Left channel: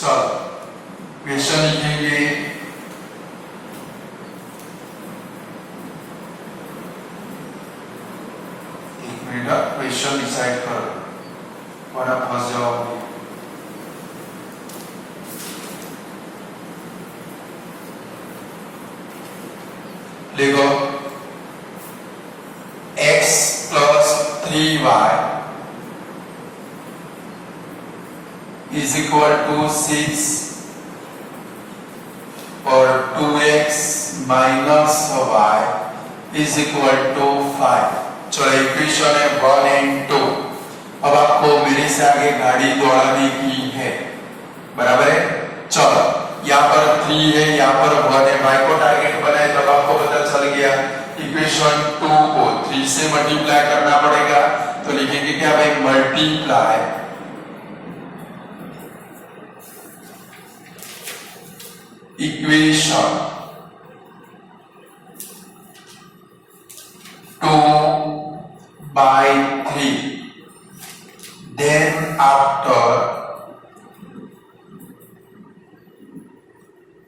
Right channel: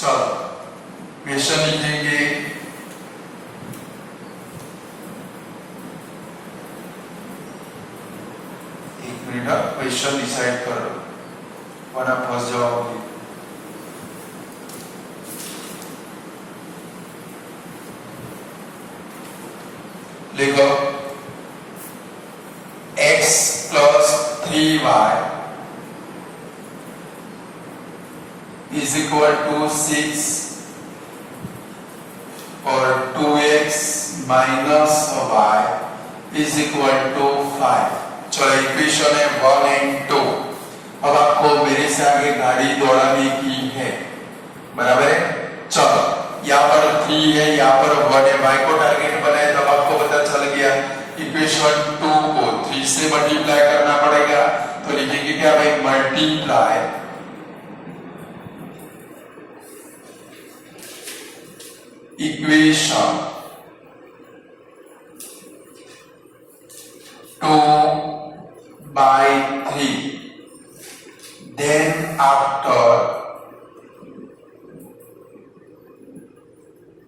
चलो क्वेश्चन लिखेंगे। एक मिनट, क्वेश्चन डिसाइड करो वरना फंस जाओगे। लिखो x plus 3y is equal to 6 और 2x minus y is equal to 5। चलो इक्वेशन है 1 and 2। अब आपको मेरे से आगे गाड़ी दौड़ाने की है, बराबर है। चलो यहाँ पर 3 है, यहाँ पर 1 है, y को टारगेट बनाए तब आपको पता चल गया इक्वेशन 2 को 3 से मल्टीप्लाई करना पड़ेगा। तो लिखेंगे क्या भाई, multiply equation 2 by 3, then after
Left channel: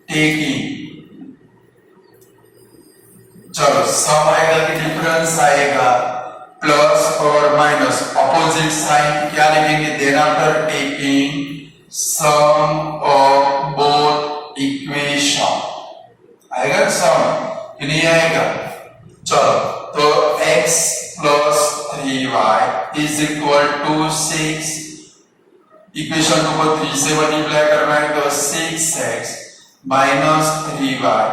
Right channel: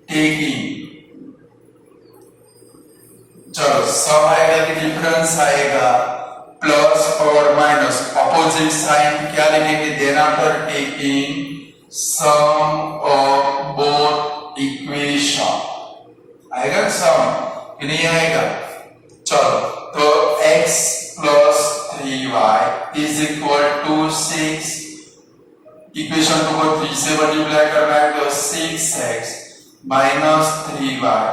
taking, चलो सम आएगा कि डिफरेंस आएगा, प्लस और माइनस ऑपोजिट साइन क्या लिखेंगे, then after taking sum of both equation आएगा सम कि नहीं आएगा। चलो तो x plus 3y is equal to 6, equation 2 को 3 से मल्टीप्लाई करना है तो 6x minus 3y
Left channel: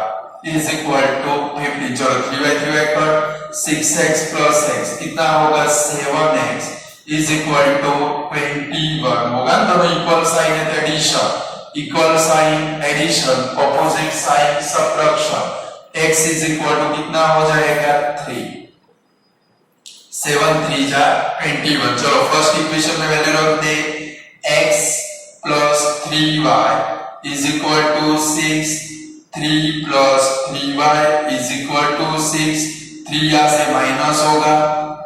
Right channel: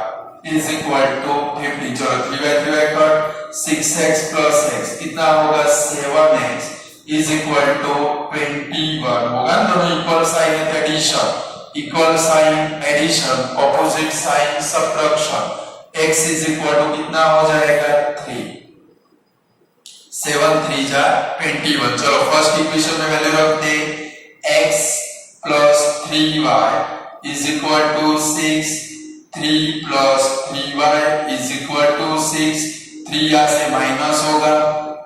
is equal to 15। चलो 3y कर 6x प्लस x कितना होगा, 7x इज इक्वल टू 21 होगा। दोनों इक्वल साइन है तो addition, equal sign addition, opposite sign subtraction. x is equal to कितना हो जाएगा 3, 7 3 जा 21। चलो फर्स्ट इक्वेशन में वैल्यू रख दे, x plus 3y is equal to 6, 3 plus 3y is equal to 6, 3 यहां से माइनस होगा,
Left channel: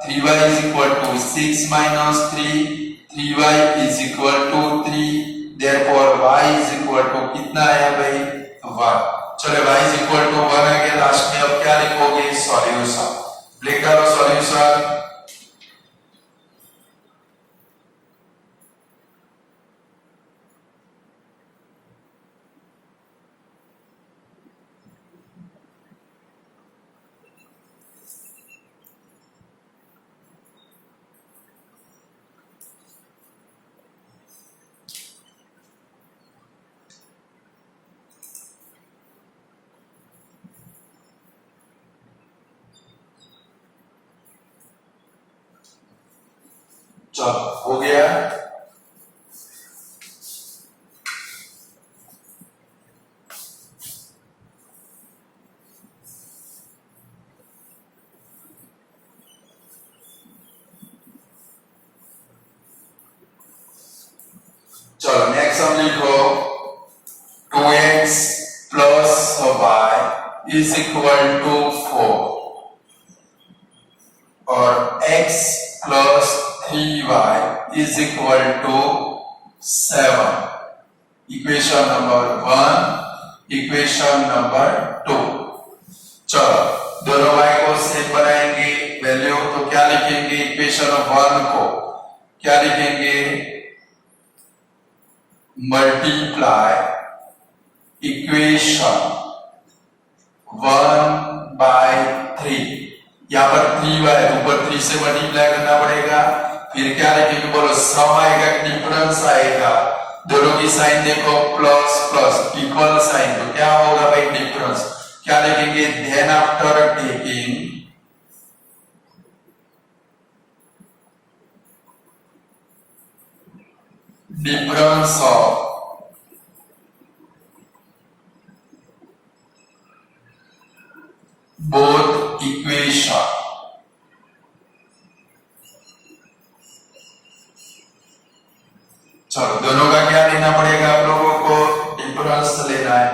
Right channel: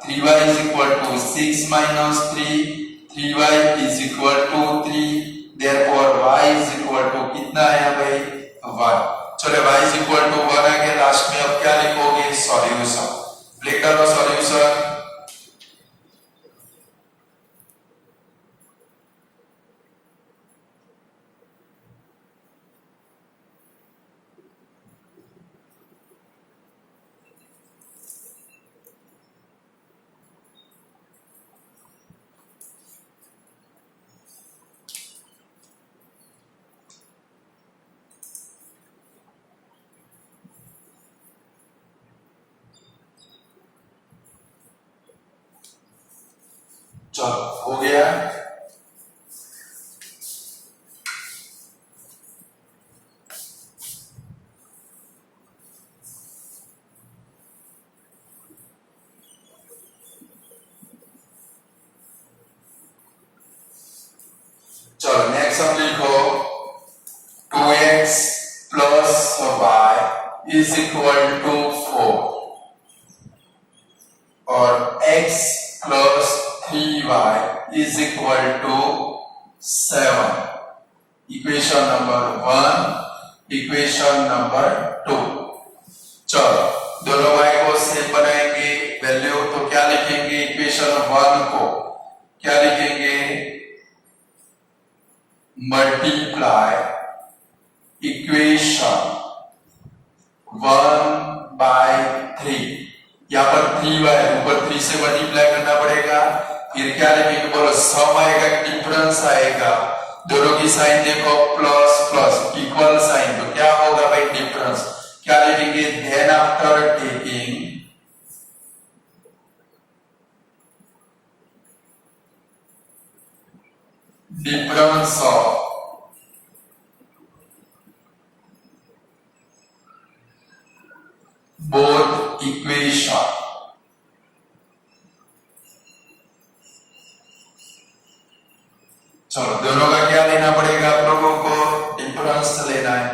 3y is equal to 6 minus 3, 3y is equal to 3, therefore y is equal to कितना है भाई 1। चलो y इज इक्वल टू 1 है के लास्ट में अब क्या लिखोगे, सॉल्यूशन। लिख लो सॉल्यूशन। चलो हो गया। चलो नेक्स्ट हम लिखो 2x plus y is equal to 4 और x plus 3y is equal to 7। Equation number 1, equation number 2। चलो दोनों y को सेम बनाएंगे वैल्यू, तो क्या लिखेंगे, इक्वेशन 1 को क्या लिखेंगे, मल्टीप्लाई इक्वेशन 1 by 3। यहाँ पर 3y ऊपर 3 से मल्टीप्लाई करना पड़ेगा, फिर क्या लिखेंगे बोलो, सम आएगा डिफरेंस आएगा, दोनों की साइन देखो प्लस प्लस इक्वल साइन, तो क्या होगा भाई डिफरेंस, क्या लिखेंगे, then after taking difference of both equation, चलो दोनों का क्या लेना पड़ेगा आप लोगों को, डिफरेंस लेना है।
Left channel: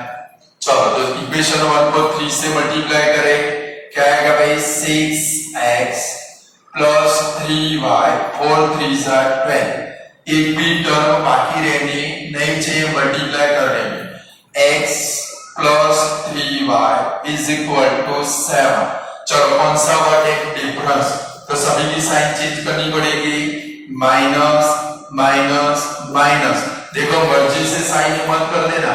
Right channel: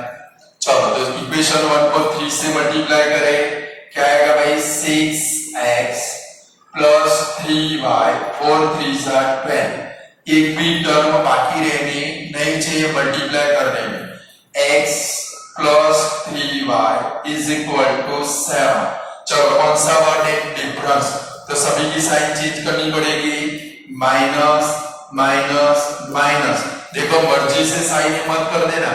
चलो तो इक्वेशन 1 को 3 से मल्टीप्लाई करें, क्या आएगा भाई 6x प्लस 3y, 4 3 12। एक भी टर्म बाकी रहने नहीं नीचे मल्टीप्लाई कर देंगे x plus 3y is equal to 7। चलो कौन सा वर्ड है? डिफरेंस। तो सभी की साइन चेंज करनी पड़ेगी, माइनस माइनस माइनस। देखो मर्जी से साइन मत कर देना,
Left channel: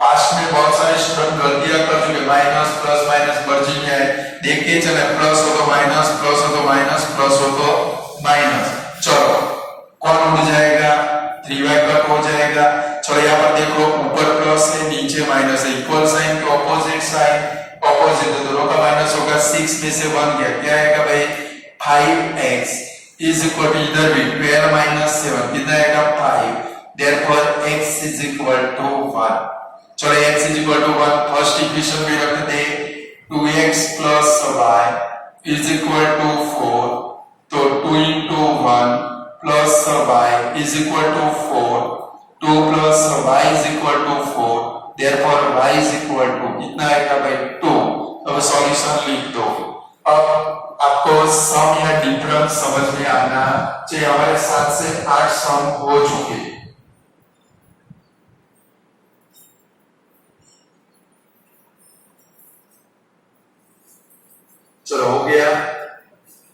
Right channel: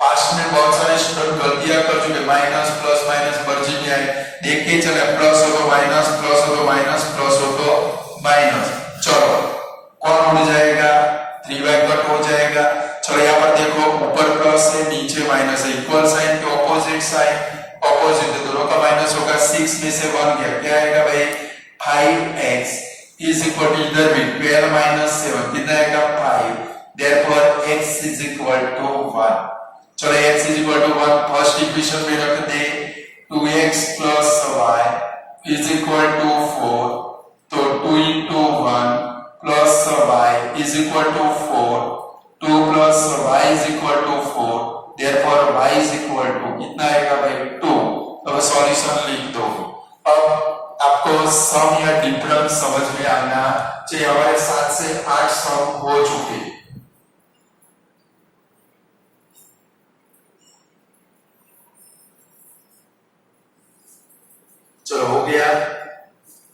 पास्ट में बहुत सारे स्टूडेंट गलतियां कर चुके, माइनस प्लस माइनस मर्जी में आए, देख के चले, प्लस हो तो माइनस, प्लस हो तो माइनस, प्लस हो तो माइनस। चलो कौन उड़ जाएगा? 3y कट हो जाएगा। चलो यहाँ पर देखो ऊपर प्लस है नीचे माइनस है, इक्वल साइन के ऑपोजिट साइन, ऑपोजिट तो दोनों का माइनस होगा, 6 में से 1 गया, क्या आएगा भाई? 5x इज इक्वल टू इधर भी 12 माइनस 7 कितना आएगा? 5। Therefore x is equal to 1। चलो x is equal to 1 first equation में रख दे, 2x plus y is equal to 4। तो 2 into 1 plus y is equal to 4, 2 plus y is equal to 4, therefore y is equal to कितना आएगा भाई? 2। अब solution लिख दो। अब आपको सम या डिफरेंस समझ में आना चाहिए। हमारे 7 से 8 सम हो चुके, चलो हो गया,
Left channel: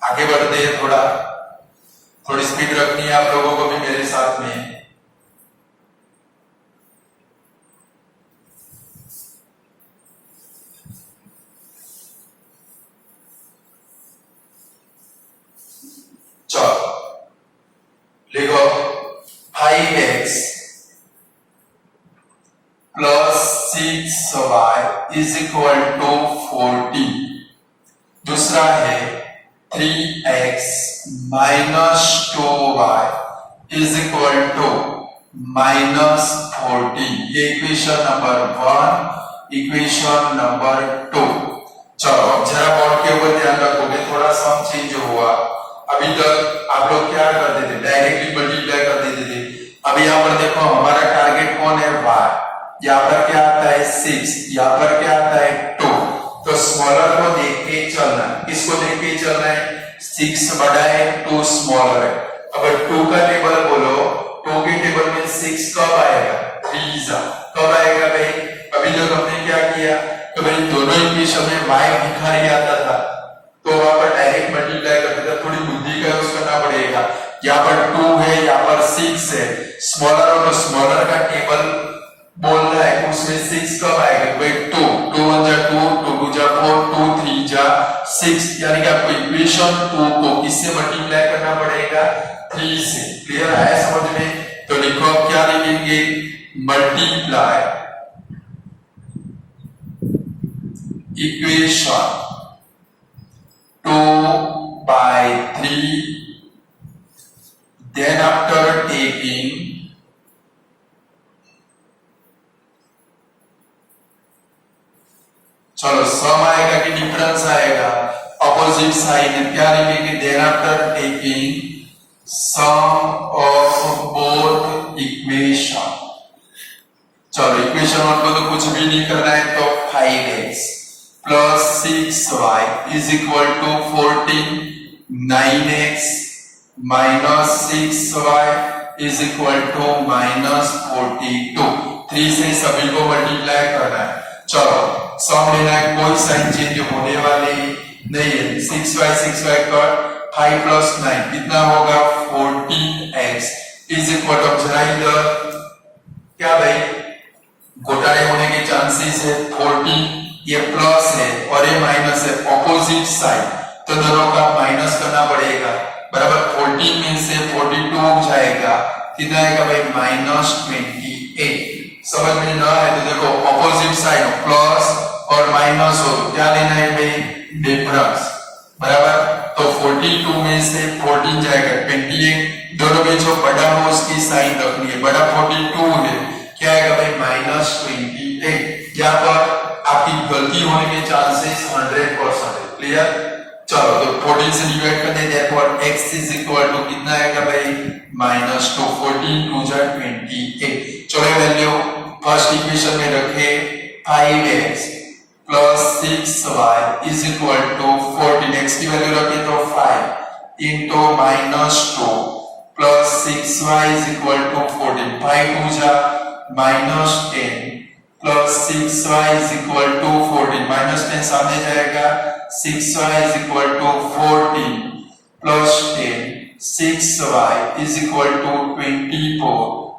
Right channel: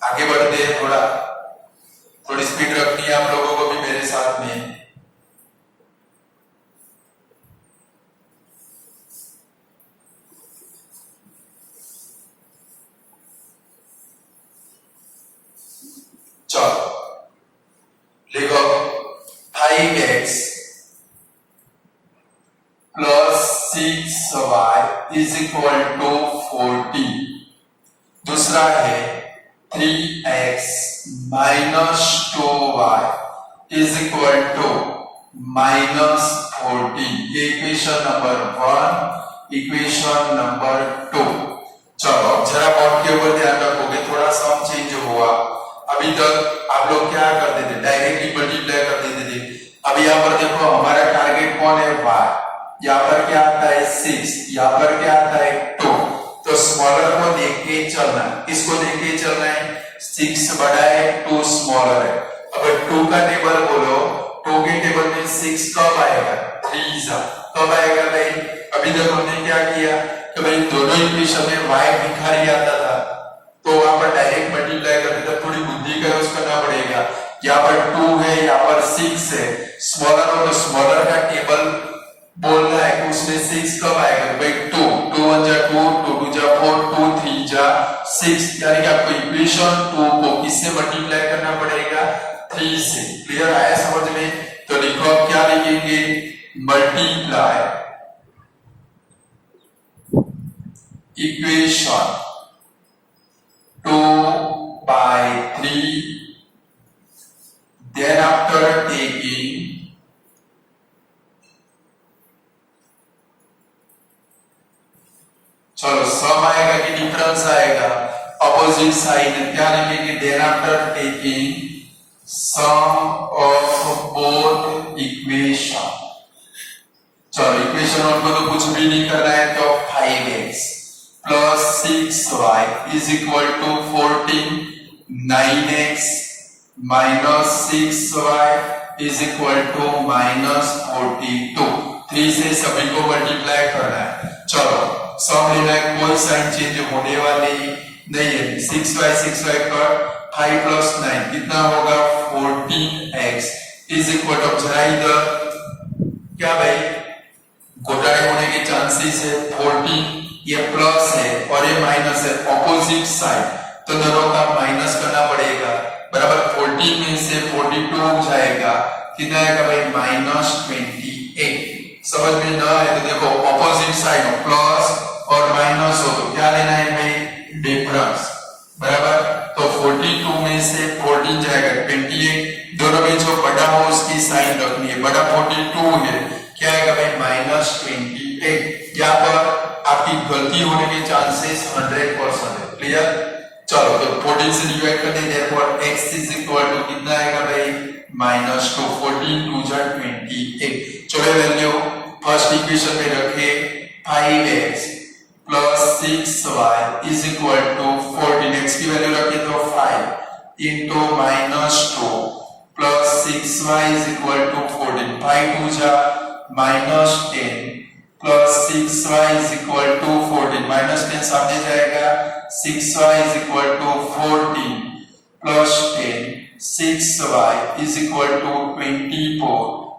आगे बढ़ते हैं। थोड़ी स्पीड रखनी है आप लोगों को भी मेरे साथ में। चलो लिखो 5x plus 6y is equal to 14। दूसरा है 3x minus 2y is equal to minus 14। ये इक्वेशन नंबर 1, इक्वेशन नंबर 2। चलो जरा बोर्ड के ऊपर ध्यान रखोगे, थोड़ा सम चेंज हुआ। अभी तक आप लोग क्या करते थे? डायरेक्टली मल्टीप्लाई कर देते थे। अभी यहाँ पर देखो हमारा टारगेट कौन है? y। यहाँ पर क्या आता है? 6, यहाँ पर क्या आता है? 2। तो स्मॉलर को देख के चलना, किसको देख के चलना है? 6 बड़ा है, 2 स्मॉलर है। अब 2 का टेबल बोलो, 2 के टेबल में 6 कब आएगा? 3 कब आएगा भाई? अभी तक हमने क्या किया कि भाई दोनों इक्वेशन में y भिखारी आता था, तो वहां पर डायरेक्ट मल्टीप्लाई करते थे। थोड़ी बुद्धि का यूज करना पड़ेगा। यहाँ पर 2 है, यहाँ पर 6 है, स्मॉलर हो तो स्मॉलर का टेबल बोल रहा है कि उसमें 6 कब आएगा भाई? 2 1 जा 2, 2 2 जा 4, 2 3 जा 6, यानी कि आपको इक्वेशन 2 को किससे मल्टीप्लाई करना पड़ेगा? 3 से। क्लियर आया समझ में? तो लिखो आप क्या लिखेंगे? Multiply equation 2 by 3, then after taking चलो सम आएगा कि डिफरेंस आएगा? अपोजिट साइन क्या लिखेंगे? Then after taking sum of both equation. चलो इक्वेशन वन को तो कुछ भी नहीं करना है, तो 5x plus 6y is equal to 14, 9x minus 6y is equal to minus 42। 3 से सभी को मल्टीप्लाई करना है। चलो सम लेना है, कोई साइन चेंज होने वाली नहीं है। 6y कट, 5 प्लस 9 कितना होगा? 14x इज इक्वल टू, जरा इधर क्या भाई घोटाले होने के चांसेस है। 14 ये प्लस है और ये माइनस है, ऑपोजिट साइड, तो दोनों का माइनस करना पड़ेगा। बराबर 14 में से 42 जाएगा, कितना आएगा भाई? माइनस 28। समझ में ना आए तो देखो ऑपोजिट साइड प्लस और माइनस हो तो क्या लेना है भाई? डिफरेंस। बराबर तो 42 में से 14 जाएगा 28, दोनों में जो बड़ा हो उसकी साइन रखनी है। बड़ा 42 है, क्या आएगा भाई? माइनस 28। यहाँ पर आपकी गलती होने के चांसेस 100% है। क्लियर? चलो तो 14 से डिवाइड कर दें, therefore x is equal to कितना आएगा भाई? माइनस 2, 14 2 जा 28। चलो वैल्यू फर्स्ट इक्वेशन में रखे, 5x plus 6y is equal to 14। x की वैल्यू रखे तो 5 into minus 2 plus 6y is equal to 14। 5 2 जा -10 plus 6y is equal to 14, -10 सामने जाएगा, 6y is equal to 14 plus 10, 6y is equal to 24,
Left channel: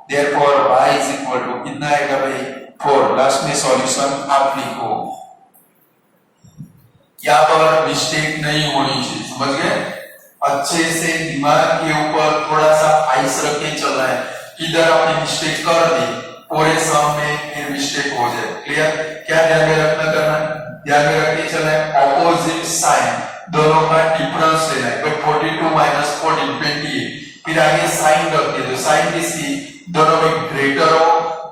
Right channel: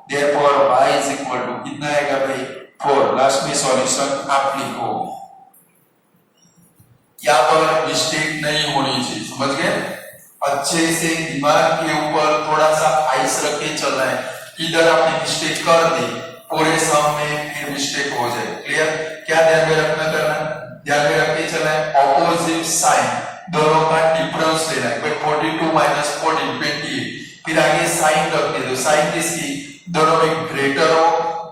therefore y is equal to कितना आएगा भाई 4। Last में सॉल्यूशन आप लिखो, यहाँ पर मिस्टेक नहीं होनी चाहिए, समझ गए? अच्छे से दिमाग के ऊपर थोड़ा सा आइस रख के चलना है, इधर आपने मिस्टेक कर दी पूरे सम में फिर मिस्टेक हो जाए। क्लियर? क्या ध्यान में रखना करना, ध्यान में रख के चलना है, ऑपोजिट साइन दोनों का डिफरेंस लेना है, कोई 42 माइनस 14 28, फिर आगे साइन रख दे दो, साइन किसकी, दोनों में ग्रेटर हो,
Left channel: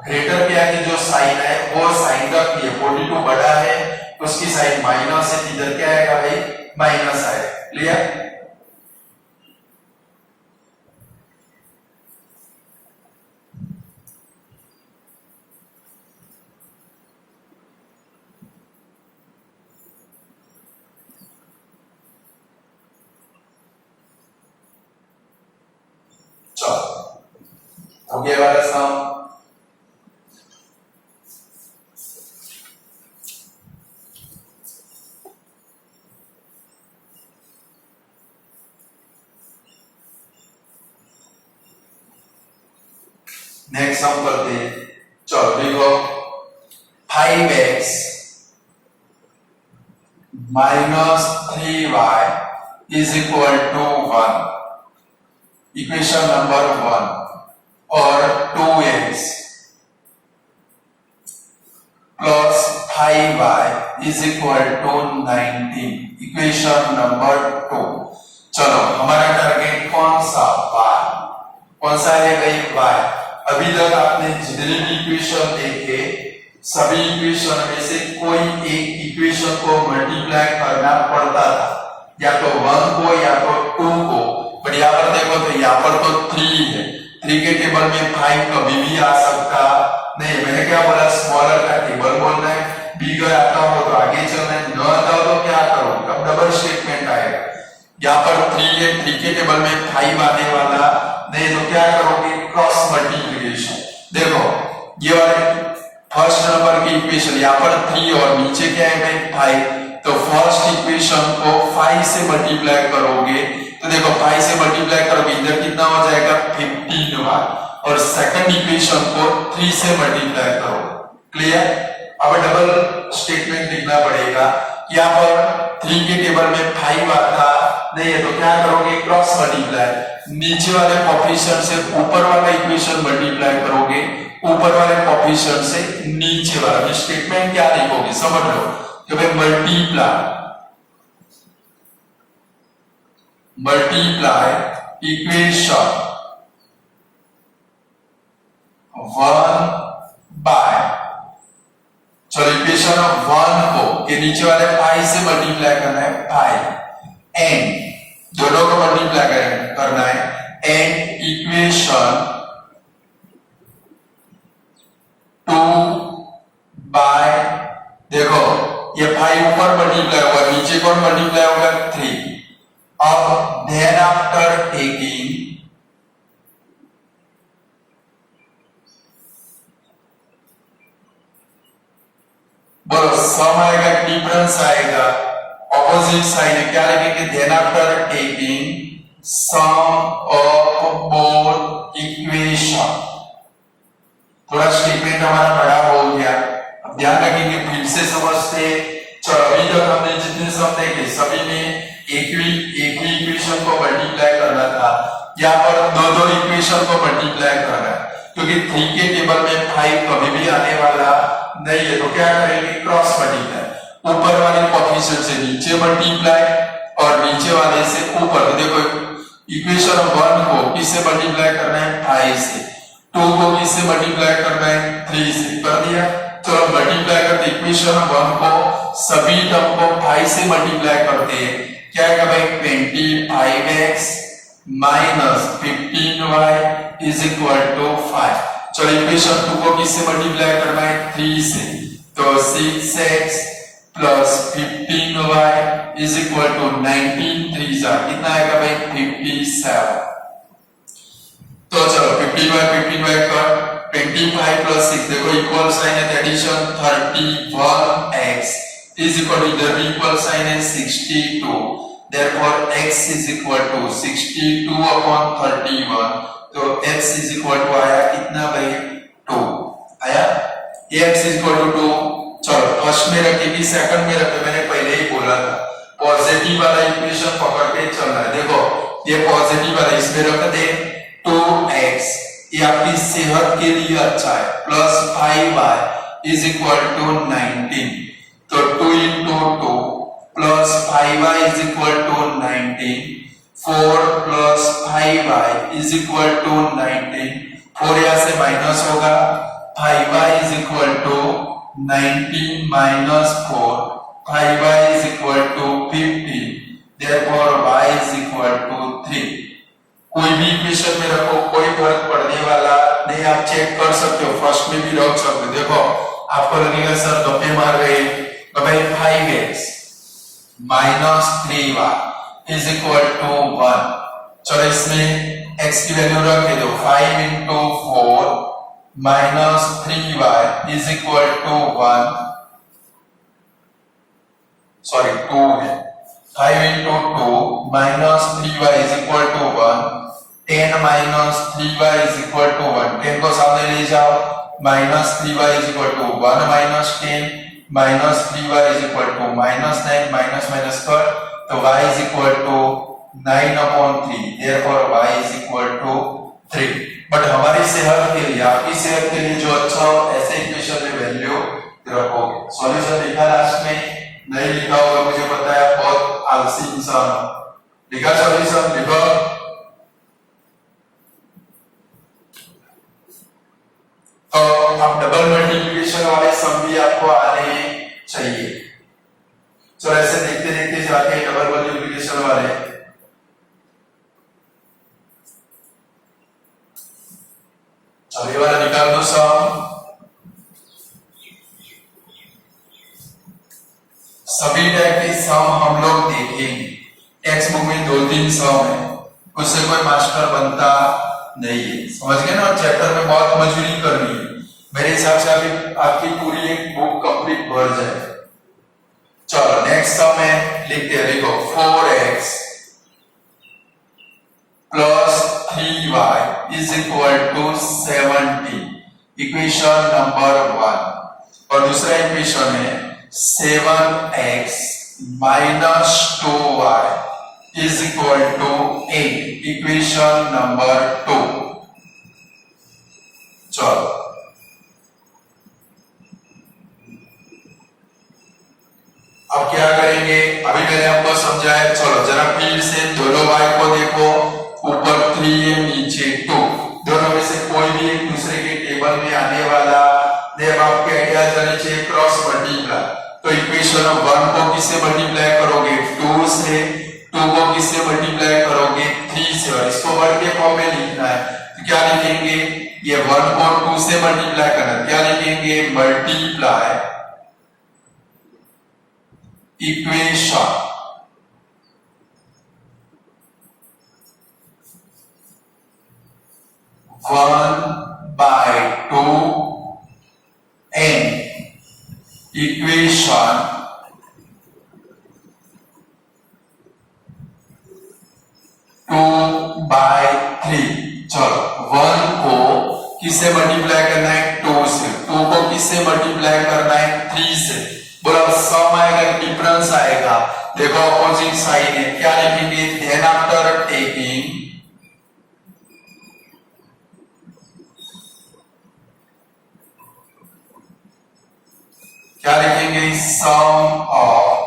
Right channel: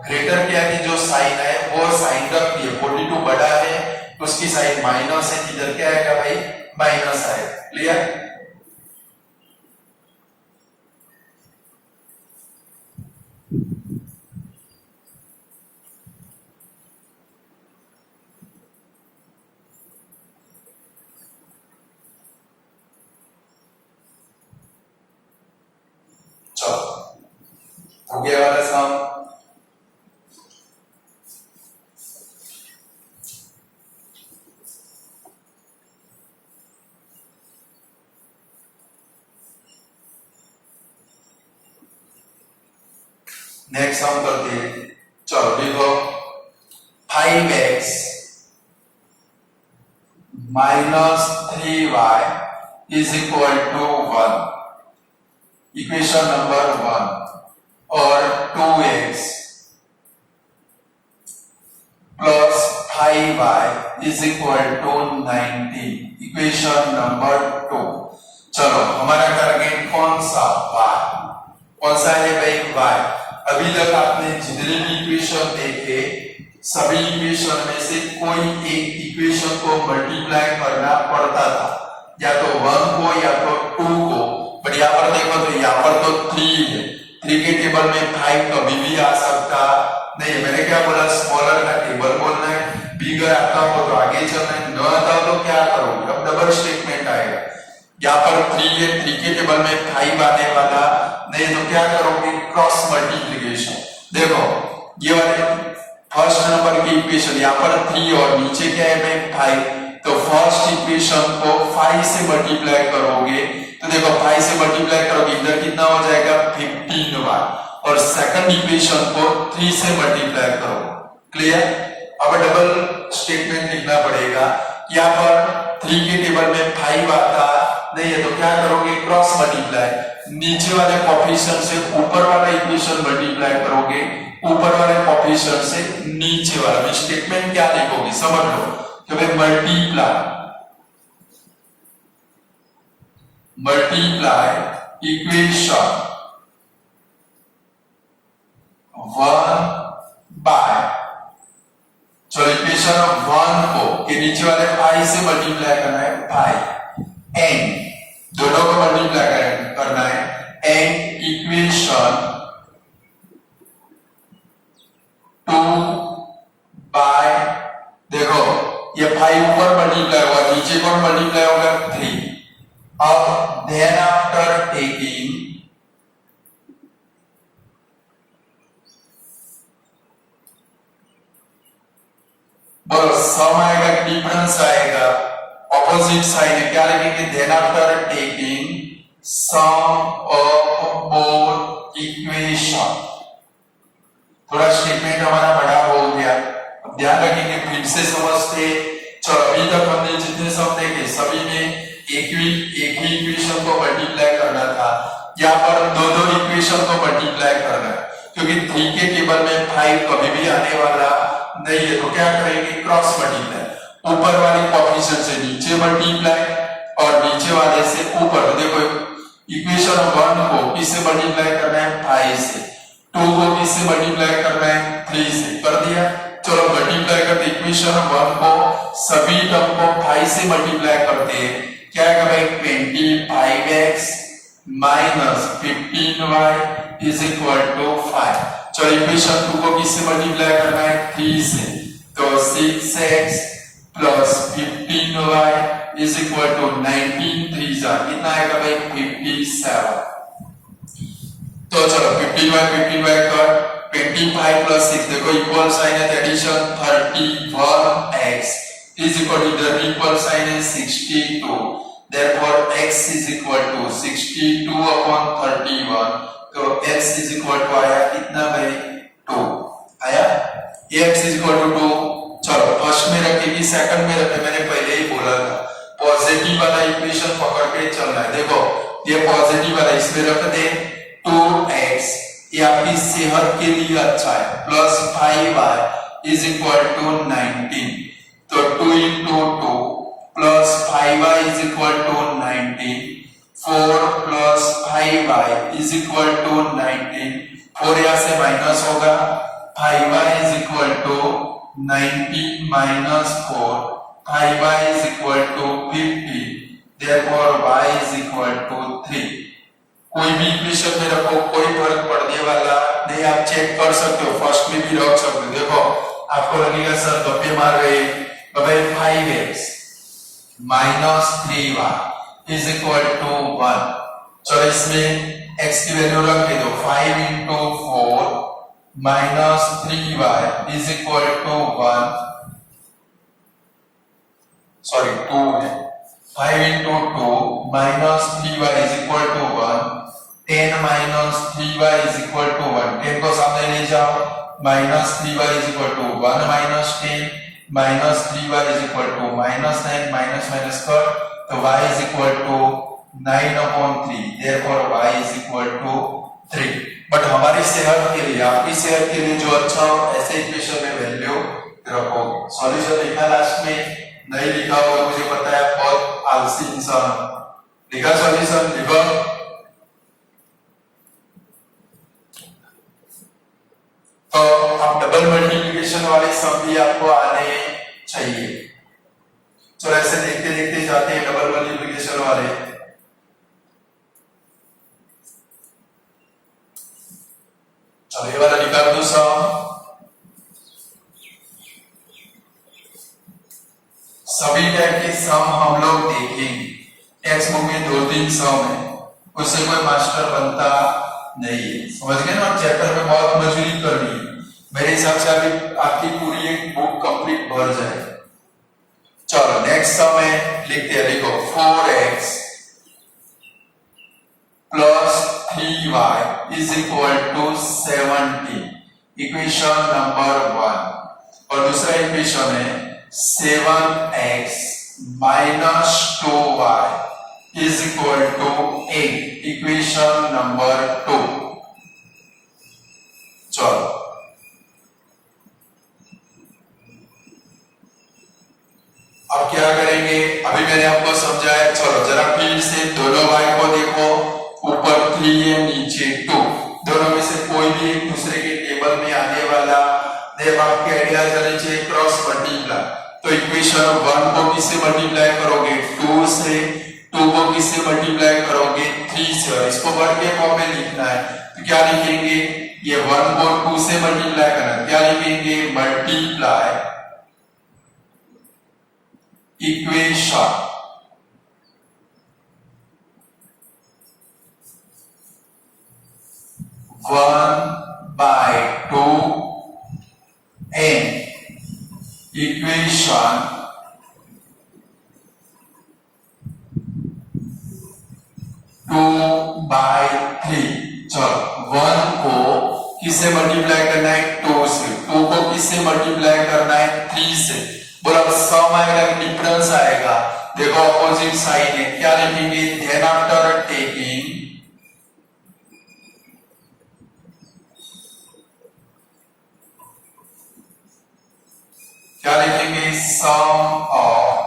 ग्रेटर के आगे जो साइन है वो साइन रख दिए, 42 बड़ा है उसकी साइन माइनस है, इधर क्या आएगा भाई माइनस आएगा। क्लियर? चलो हो गया वाला सम। नेक्स्ट सम करते हैं, चलो देखो 5x minus 3y is equal to 1, equation number 1, और 2x plus 5y is equal to 19, equation number 2। चलो हमारा टारगेट कौन सा, y, कौन सा है भाई y। अभी तक आपने जितने भी इक्वेशन देखे सभी इक्वेशन में से कोई एक इक्वेशन को मल्टीप्लाई करना पड़ता था, या तो 1 को या तो 2 को, बट यहाँ पर देखो तो यहाँ पर तो 3 है, 3 के टेबल में 5 कभी भी आ सकता नहीं। मैंने क्या बोला, स्मॉलर का टेबल बोलना है, बिगर आता हो तो आगे चलना है, न आता हो तो क्या करोगे, अब डबल स्टेटमेंट आएगा। यहाँ पर 3 है, 3 के टेबल में 5 आने वाला नहीं, तो क्या करोगे क्रॉस मल्टीप्लिकेशन। देखो ये वाले फर्स्ट नंबर की इक्वेशन, यहाँ पर 3 और नीचे क्या है 5, तो फर्स्ट इक्वेशन को 5 से मल्टीप्लाई करोगे, तो देखो 5 से मल्टीप्लाई करोगे इधर कितना हो जाएगा 15y, और सेकंड इक्वेशन को 3 से मल्टीप्लाई करो। क्लियर? अब डबल स्टेटमेंट लिखना पड़ेगा, यहाँ पर 3 के टेबल में 5 आता नहीं है, तो क्या करोगे क्रॉस मल्टीप्लाई, नीचे वाले पॉपुलेशन से ऊपर वाला इक्वेशन मल्टीप्लाई करोगे, ऊपर वाले पॉपुलेशन से नीचे वाला। स्टेटमेंट क्या लिखोगे समझ लो, कि भाई मल्टीप्लाई इक्वेशन 1 बाय, चलो इक्वेशन 1 को के नीचे वाले 5 से मल्टीप्लाई करना है 5, एंड दोनों को मल्टीप्लाई करना है, एंड इक्वेशन 2 बाय, देखो ये 5 ऊपर मल्टीप्लाई होगा, नीचे कौन मल्टीप्लाई होगा 3। अब देन आफ्टर टेकिंग बोलो सम आएगा डिफरेंस आएगा, ऑपोजिट साइड क्या लिखेंगे, then after taking sum of both equation. थोड़ा स्टेटमेंट हमारा बड़ा हो गया, अब ध्यान रखेंगे फिर से समझते। चलो अभी तक हमने जितने सम देखे सभी में एक ही इक्वेशन को मल्टीप्लाई करना था, यहाँ पर दो इक्वेशन को मल्टीप्लाई करना है, क्योंकि 3 के टेबल में 5 कभी भी आने वाला नहीं है, तो क्या करेंगे क्रॉस मल्टीप्लाई, ऊपर वाले पॉपुलेशन से नीचे मल्टीप्लाई और नीचे वाले से ऊपर। तो देखो इक्वेशन 1 को किससे मल्टीप्लाई करना है 5 से, 2 को किससे मल्टीप्लाई करना है 3 से, कर दिया। चलो मल्टीप्लाई करते इक्वेशन 1 को सभी टर्म को 5 से मल्टीप्लाई करते हैं, क्या आएगा भाई 25x minus 15y is equal to 5। चलो इक्वेशन 2 को किससे मल्टीप्लाई करना है 3 से, तो 6x plus 15y is equal to 19, 3 जा कितना आएगा भाई 57। तो चलो 15y कट, 25 प्लस 6 देखो इक्वल साइन है addition 31x is equal to इधर इक्वल साइन है 62 therefore x is equal to 62 upon 31 तो x is equal to आया कितना भाई 2 आया x is equal to 2 चलो फर्स्ट में रखेगी सेकंड में रखे मैंने पहले ही बोला था पॉजिटिव वाला इक्वेशन पकड़ के चलना है देखो ये पॉजिटिव वाला इसमें रख दे 2x ये आपकी सेहत के लिए अच्छा है plus 5y is equal to 19 तो 2 into 2 plus 5y is equal to 19 4 plus 5y is equal to 19 4 यहाँ से माइनस होगा 5y is equal to 19 minus 4 5y is equal to 50 therefore y is equal to 3 कोई भी equation में रखो कोई फर्क पड़ने वाला नहीं आप चेक कर सकते हो फर्स्ट में भी रख सकते हो देखो आपको लगेगा सर गप्पे मार रहे तो भाई 5x minus 3y is equal to 1 चलो इसमें x की वैल्यू रख दो 5 into 4 minus 3y is equal to 1 sorry 2 है 5 into 2 minus 3y is equal to 1 10 minus 3y is equal to 1 10 को सामने ले जाओ minus 3y is equal to 1 minus 10 minus 3y is equal to minus 9 minus minus कर तो y is equal to 9 upon 3 therefore y is equal to 3 but हमारी सेहत के लिए आपकी सेहत के लिए जो अच्छा हो ऐसे इक्वेशन में वैल्यू रखोगे सॉल्यूशन लिखा लास्ट में नहीं लिखा होगा मुझे पता है बहुत आलसी इंसान हो लिखा सॉल्यूशन लिखो तो अब डबल मल्टीप्लिकेशन वाले सम भी आपको आने चाहिए चलो ऐसे देखते देखते जाते हैं डबल मल्टीप्लिकेशन वाले चलो ये वाला निकाल दो सम सभी टाइप के सम हम लोग देखेंगे टेक्स्ट बुक में 2-3 सम है उससे कोई मास्टर बनता नहीं है समझ गए ना चैप्टर में बहुत मजबूरी करनी है मेरे हिसाब से अभी आपकी पूरी एक बुक कंप्लीट भर जाए चलो नेक्स्ट सम है लिखते हैं देखो 4x plus 3y is equal to 70 equation number 1 और दूसरा इक्वेशन है 7x minus 2y is equal to 8 equation number 2 चलो अब क्या करेंगे अभी मैंने आपको समझाया चलो जरा फिर से दोनों y को देखो ऊपर 3 है नीचे 2 दोनों में से कोई भी एक दूसरे के टेबल में आने वाला देख आपके आइडिया जाने चाहिए क्रॉस मल्टीप्लाई तो इक्वेशन 1 को किससे मल्टीप्लाई करोगे 2 से 2 को किससे मल्टीप्लाई करोगे 3 से और इसको वर्ग के फॉर्म में लिखना है तो क्या लिखेंगे ये 1 को 2 से मल्टीप्लाई करना क्या लिखेंगे मल्टीप्लाई इक्वेशन 1/2 n इक्वेशन 2/3 चलो 1 को किससे मल्टीप्लाई करना है 2 से 2 को किससे मल्टीप्लाई करना है 3 से बोला सम आएगा डिफरेंस आएगा देखो अपोजिट साइन है क्या लिखेंगे देन आफ्टर टेकिंग क्या लिखेंगे सम ऑफ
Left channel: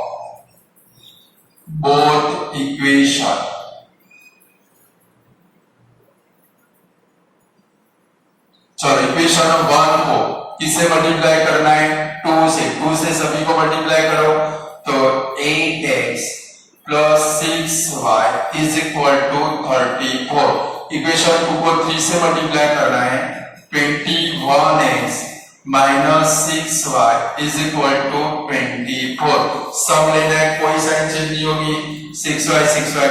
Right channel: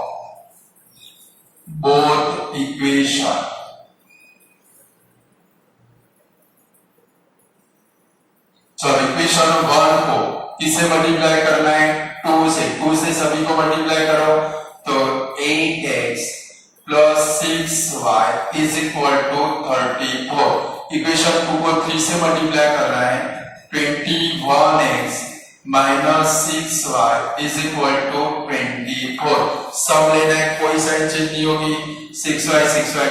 बोथ इक्वेशन चलो इक्वेशन 1 को किससे मल्टीप्लाई करना है 2 से सभी को मल्टीप्लाई करो तो 8x plus 6y is equal to 34 equation 2 को 3 से मल्टीप्लाई करना है 21x minus 6y is equal to 24 sum लेना है कोई साइन चेंज नहीं होगी 6y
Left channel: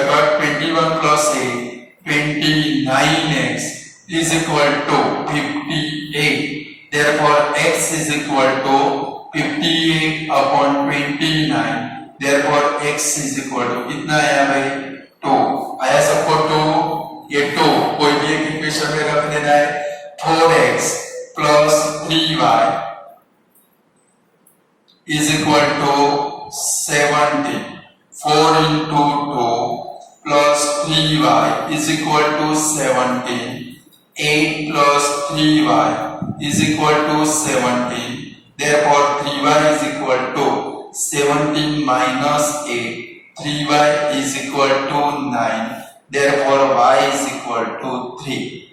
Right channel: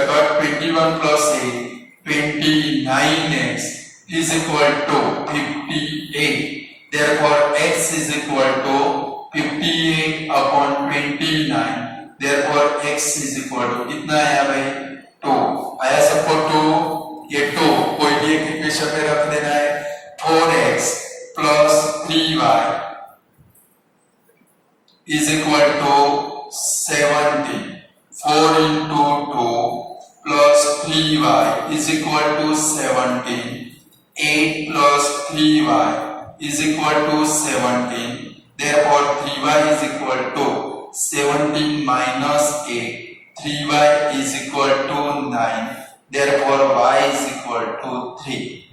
तो 21 plus 8 29x is equal to 58. Therefore, x is equal to 58 upon 29. Therefore, x is equal to कितना आया भाई 2. आया सबको 2, ये 2 कोई भी एक इक्वेशन में रख देना है. 4x plus 3y is equal to 70. 4 into 2 plus 3y is equal to 17. 8 plus 3y is equal to 17. Therefore, 3y is equal to 17 minus 8. 3y is equal to 9. Therefore, y is equal to 3.